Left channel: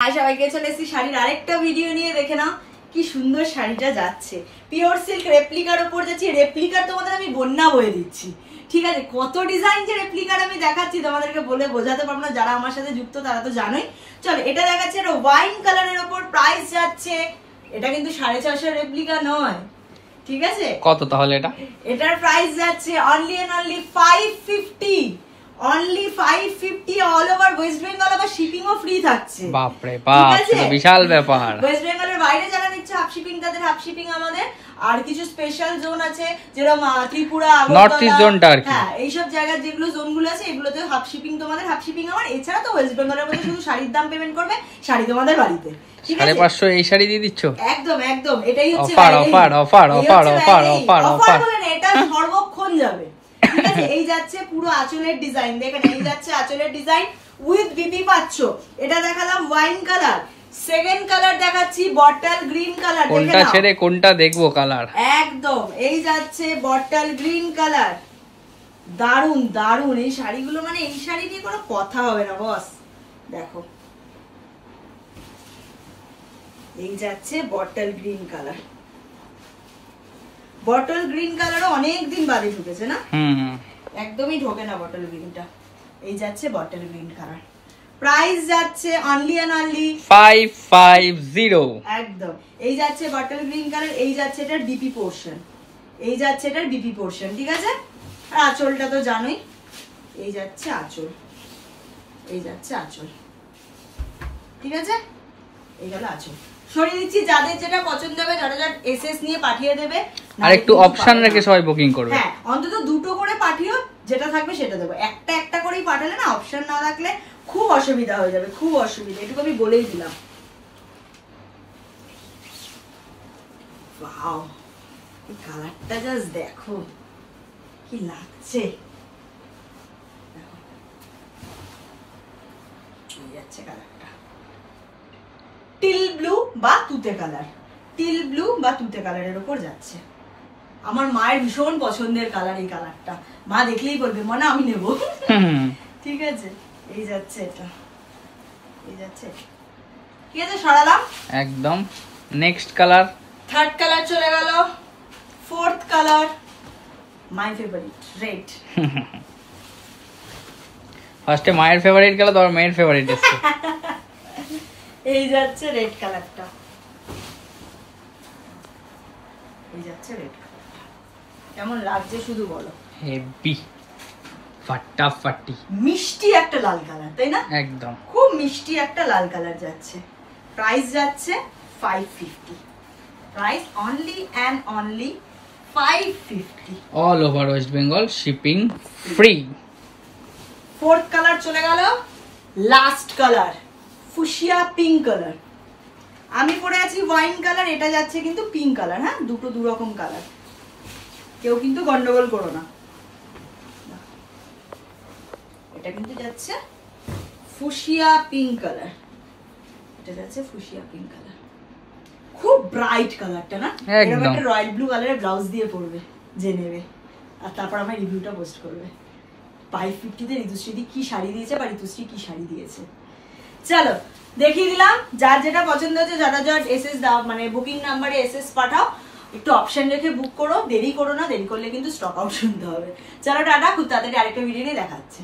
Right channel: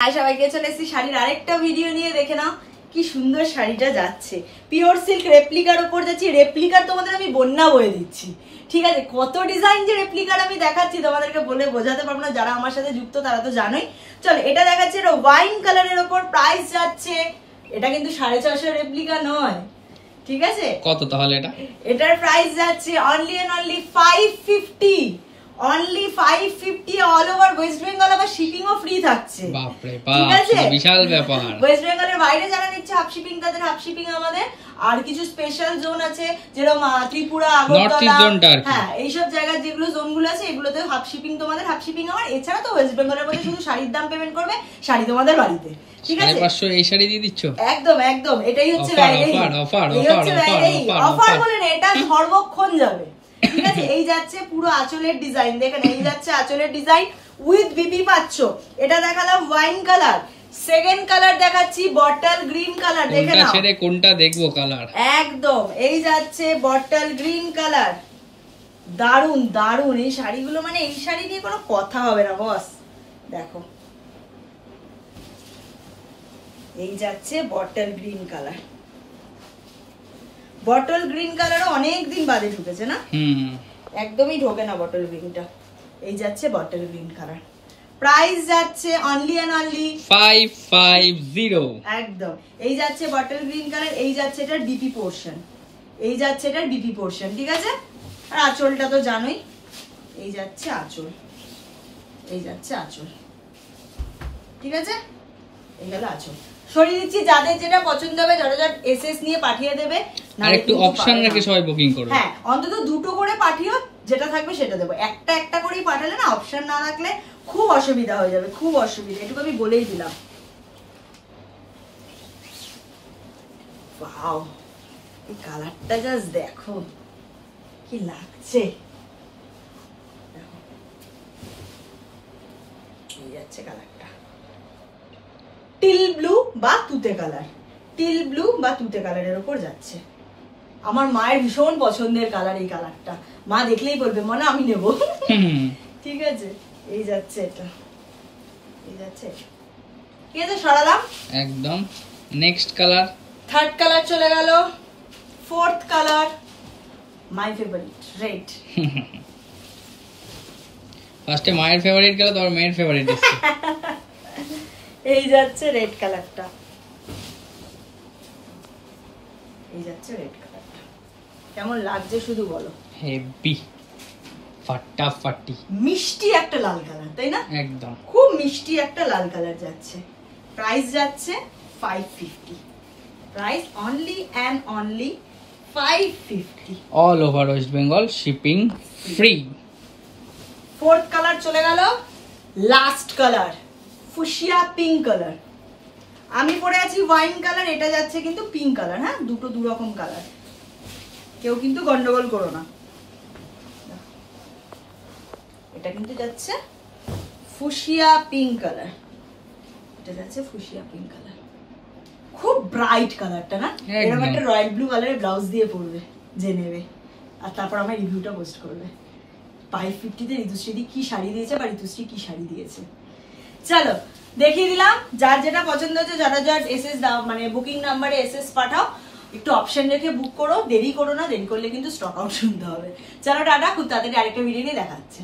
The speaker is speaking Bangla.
সবাইকে চলে এসেছি শাড়ির আরেকটা ভিডিও নিয়ে। দেখে নাও কি সুন্দর শাড়িটা যাচ্ছে, পিওর সিল্ক রেপ্লিকার উপর যাচ্ছি। রেপ্লিকার তোমাদের আমি বন্যা বয়ে দিচ্ছি, ঠিক আছে? কত ডিজাইন যে রেপ্লিকার আমি দেখাচ্ছি তোমাদেরকে বলে বোঝাতে পারবো না, যারা আমার সাথে যুক্ত তারা তো জানোই। চলো এটা দেখাচ্ছি, এটা ওয়াইন কালারের উপর, প্রাইস যাচ্ছে, এটা কিন্তু 650 রেপ্লিকা নয়, ঠিক আছে? কত তাহলে এটা? এটার প্রাইস যাচ্ছে only and only 550, only 550 all over West Bengal. আবার শিপিং ও ফ্রি থাকছে। বাপরে বাপ, এটা বিশাল ব্যাপার। ওয়েস্ট বেঙ্গলের বাইরে যারা নিচ্ছে হাফ শিপিং, তাদের হাফ শিপিং আমাদের। আর কিছু স্পেশাল জোন আছে যেরকম ত্রিপুরা, নর্থ ইস্ট জোনটা আর কি, হ্যাঁ এইসব জায়গার যেগুলো জোনগুলো আছে এগুলোতে হাফ শিপিং তোমাদের, হাফ শিপিং আমার। এছাড়া তো ওয়েস্ট বেঙ্গলের মধ্যে শুধু শাড়ির দাম পেমেন্ট করবে, শাড়ি তোমাদের বাড়িতে। 550 এই শাড়ি দিয়ে দিচ্ছ? একদম একদম, এটাই হচ্ছে offer offer offer offer offer offer offer. এটা সর্বক্ষণ যাবে, ঠিক আছে? এই যাচ্ছে পুরো আঁচলের ডিজাইন, দেখেন এই যাচ্ছে আঁচলের ডিজাইন উইথ বিপি পাচ্ছ। এটা দেখালাম ওয়াইন কালার, সেকেন্ড কালার দেখাচ্ছি বটল গ্রিন কালার। কোনটা ছেড়ে কোনটা দেখবো কালার? একদম এই যাচ্ছে বটল গ্রিন কালার, দারুন দারুন এই শাড়িগুলো, মানে এই শাড়ি নিয়ে কোনো কথা হবে না বস। দেখো এই যাচ্ছে bottle green colour, bottle green কালারও অনেকদিন বাদে ঢুকেছে না? একদমই ঢোকে না বটল গ্রিনটা। এই যাচ্ছে বটল গ্রিন কালার, প্রাইস যাচ্ছে অনলি এন্ড অনলি 550। একদম এই যাচ্ছে বটল গ্রিন কালার, এই যাচ্ছে এটার বিপি পোর্শন, এই যাচ্ছে এটার বিপি পোর্শন, ঠিক আছে? আর আঁচলটা তো জানোই, এই যাচ্ছে আঁচল, এই যাচ্ছে আঁচল, ঠিক আছে? এই গেল আঁচল। সরিয়ে দিচ্ছি, যাদের যেটা পছন্দ হবে ঝটঝট এসএস নিয়ে পাঠিয়ে দেবে। আর একটু অপশন রেখে সবাই বুকিং করবে। হ্যাঁ, অন্তত দুটো করে পাঠিও, যেটা থাকবে সেটা দেবো। একটা একটা করেই পাঠালে না, অপশন না রাখলে খুব অসুবিধা হয়ে যাবে, খুব অসুবিধা, এটুকু আমি বলেই দিলাম। ওয়াও, এই কালারটা জাস্ট দেখো কি লাগছে, দেখো এই যাচ্ছে কালারটা টিল ব্লু বা তুতে কালার, টিল ব্লু বা তুতে কালারের উপর যাচ্ছে। আমার মায়ের ভীষণ পছন্দের কালার এই কালারটা, মা দেখলেই বলবে মনে আমি নেবো, ঠিক আছে? এই যাচ্ছে এটা, এই যাচ্ছে, ঠিক আছে? সরালাম একদম। নেক্সট কালার, থার্ড কালার চলে গেল, fourth colour my favourite red. ফার্স্টে মায়ের ফেভারিট গেল, তারপর মেয়ের ফেভারিট এসেছে। এই যাচ্ছে রেড কালারটা, এই যাচ্ছে রেড কালারটা, কেমন লাগছে শুধু বলো? হেভি ফাটাফাটি, মিষ্টি একটা লাল কালার, তাই না? একদম খুব মিষ্টি একটা লাল কালার যাচ্ছে। প্রাইস যাচ্ছে 550, price only and only 550 all over West Bengal, shipping free. Fourth colour চলে গেল, last colour fuchsia pink colour. আমি পরে আছি ওয়াইন কালার, এটা যাচ্ছে কিন্তু পিঙ্ক কালার। হ্যাঁ, দুটো দুরকম কালার, কেউ কিন্তু গন্ডগোল করো না। এটা কিন্তু যাচ্ছে ফুশিয়া পিঙ্ক কালার, এটা যাচ্ছে ফুশিয়া পিঙ্ক কালার, খুব ব্রাইট কালারটা না? এরকম একটা রয়্যাল ব্লু কালারের ব্লাউজ দিয়ে পরবে যে নেবে, আর তারপর আমার রিভিউটা পোস্ট করবে। 550 ঋতুশ্রী কি শাড়ি দিয়েছে, বা ঋতুশ্রী কি শাড়ি দিয়েছে। চলো দেখিয়ে দিলাম, যার যেটা পছন্দ হচ্ছে ঝটঝট এসএস দাও, মানে বুকিং নাম্বারে এসএস পাঠাও। একটু অপশন রেখে বুক করো, দেরি করো না, দেরি করলে কিন্তু স্টক আউট শুনতে হবে। চলো টাটা, খুব তাড়াতাড়ি আরেকটা ভিডিও নিয়ে দেখা হচ্ছে।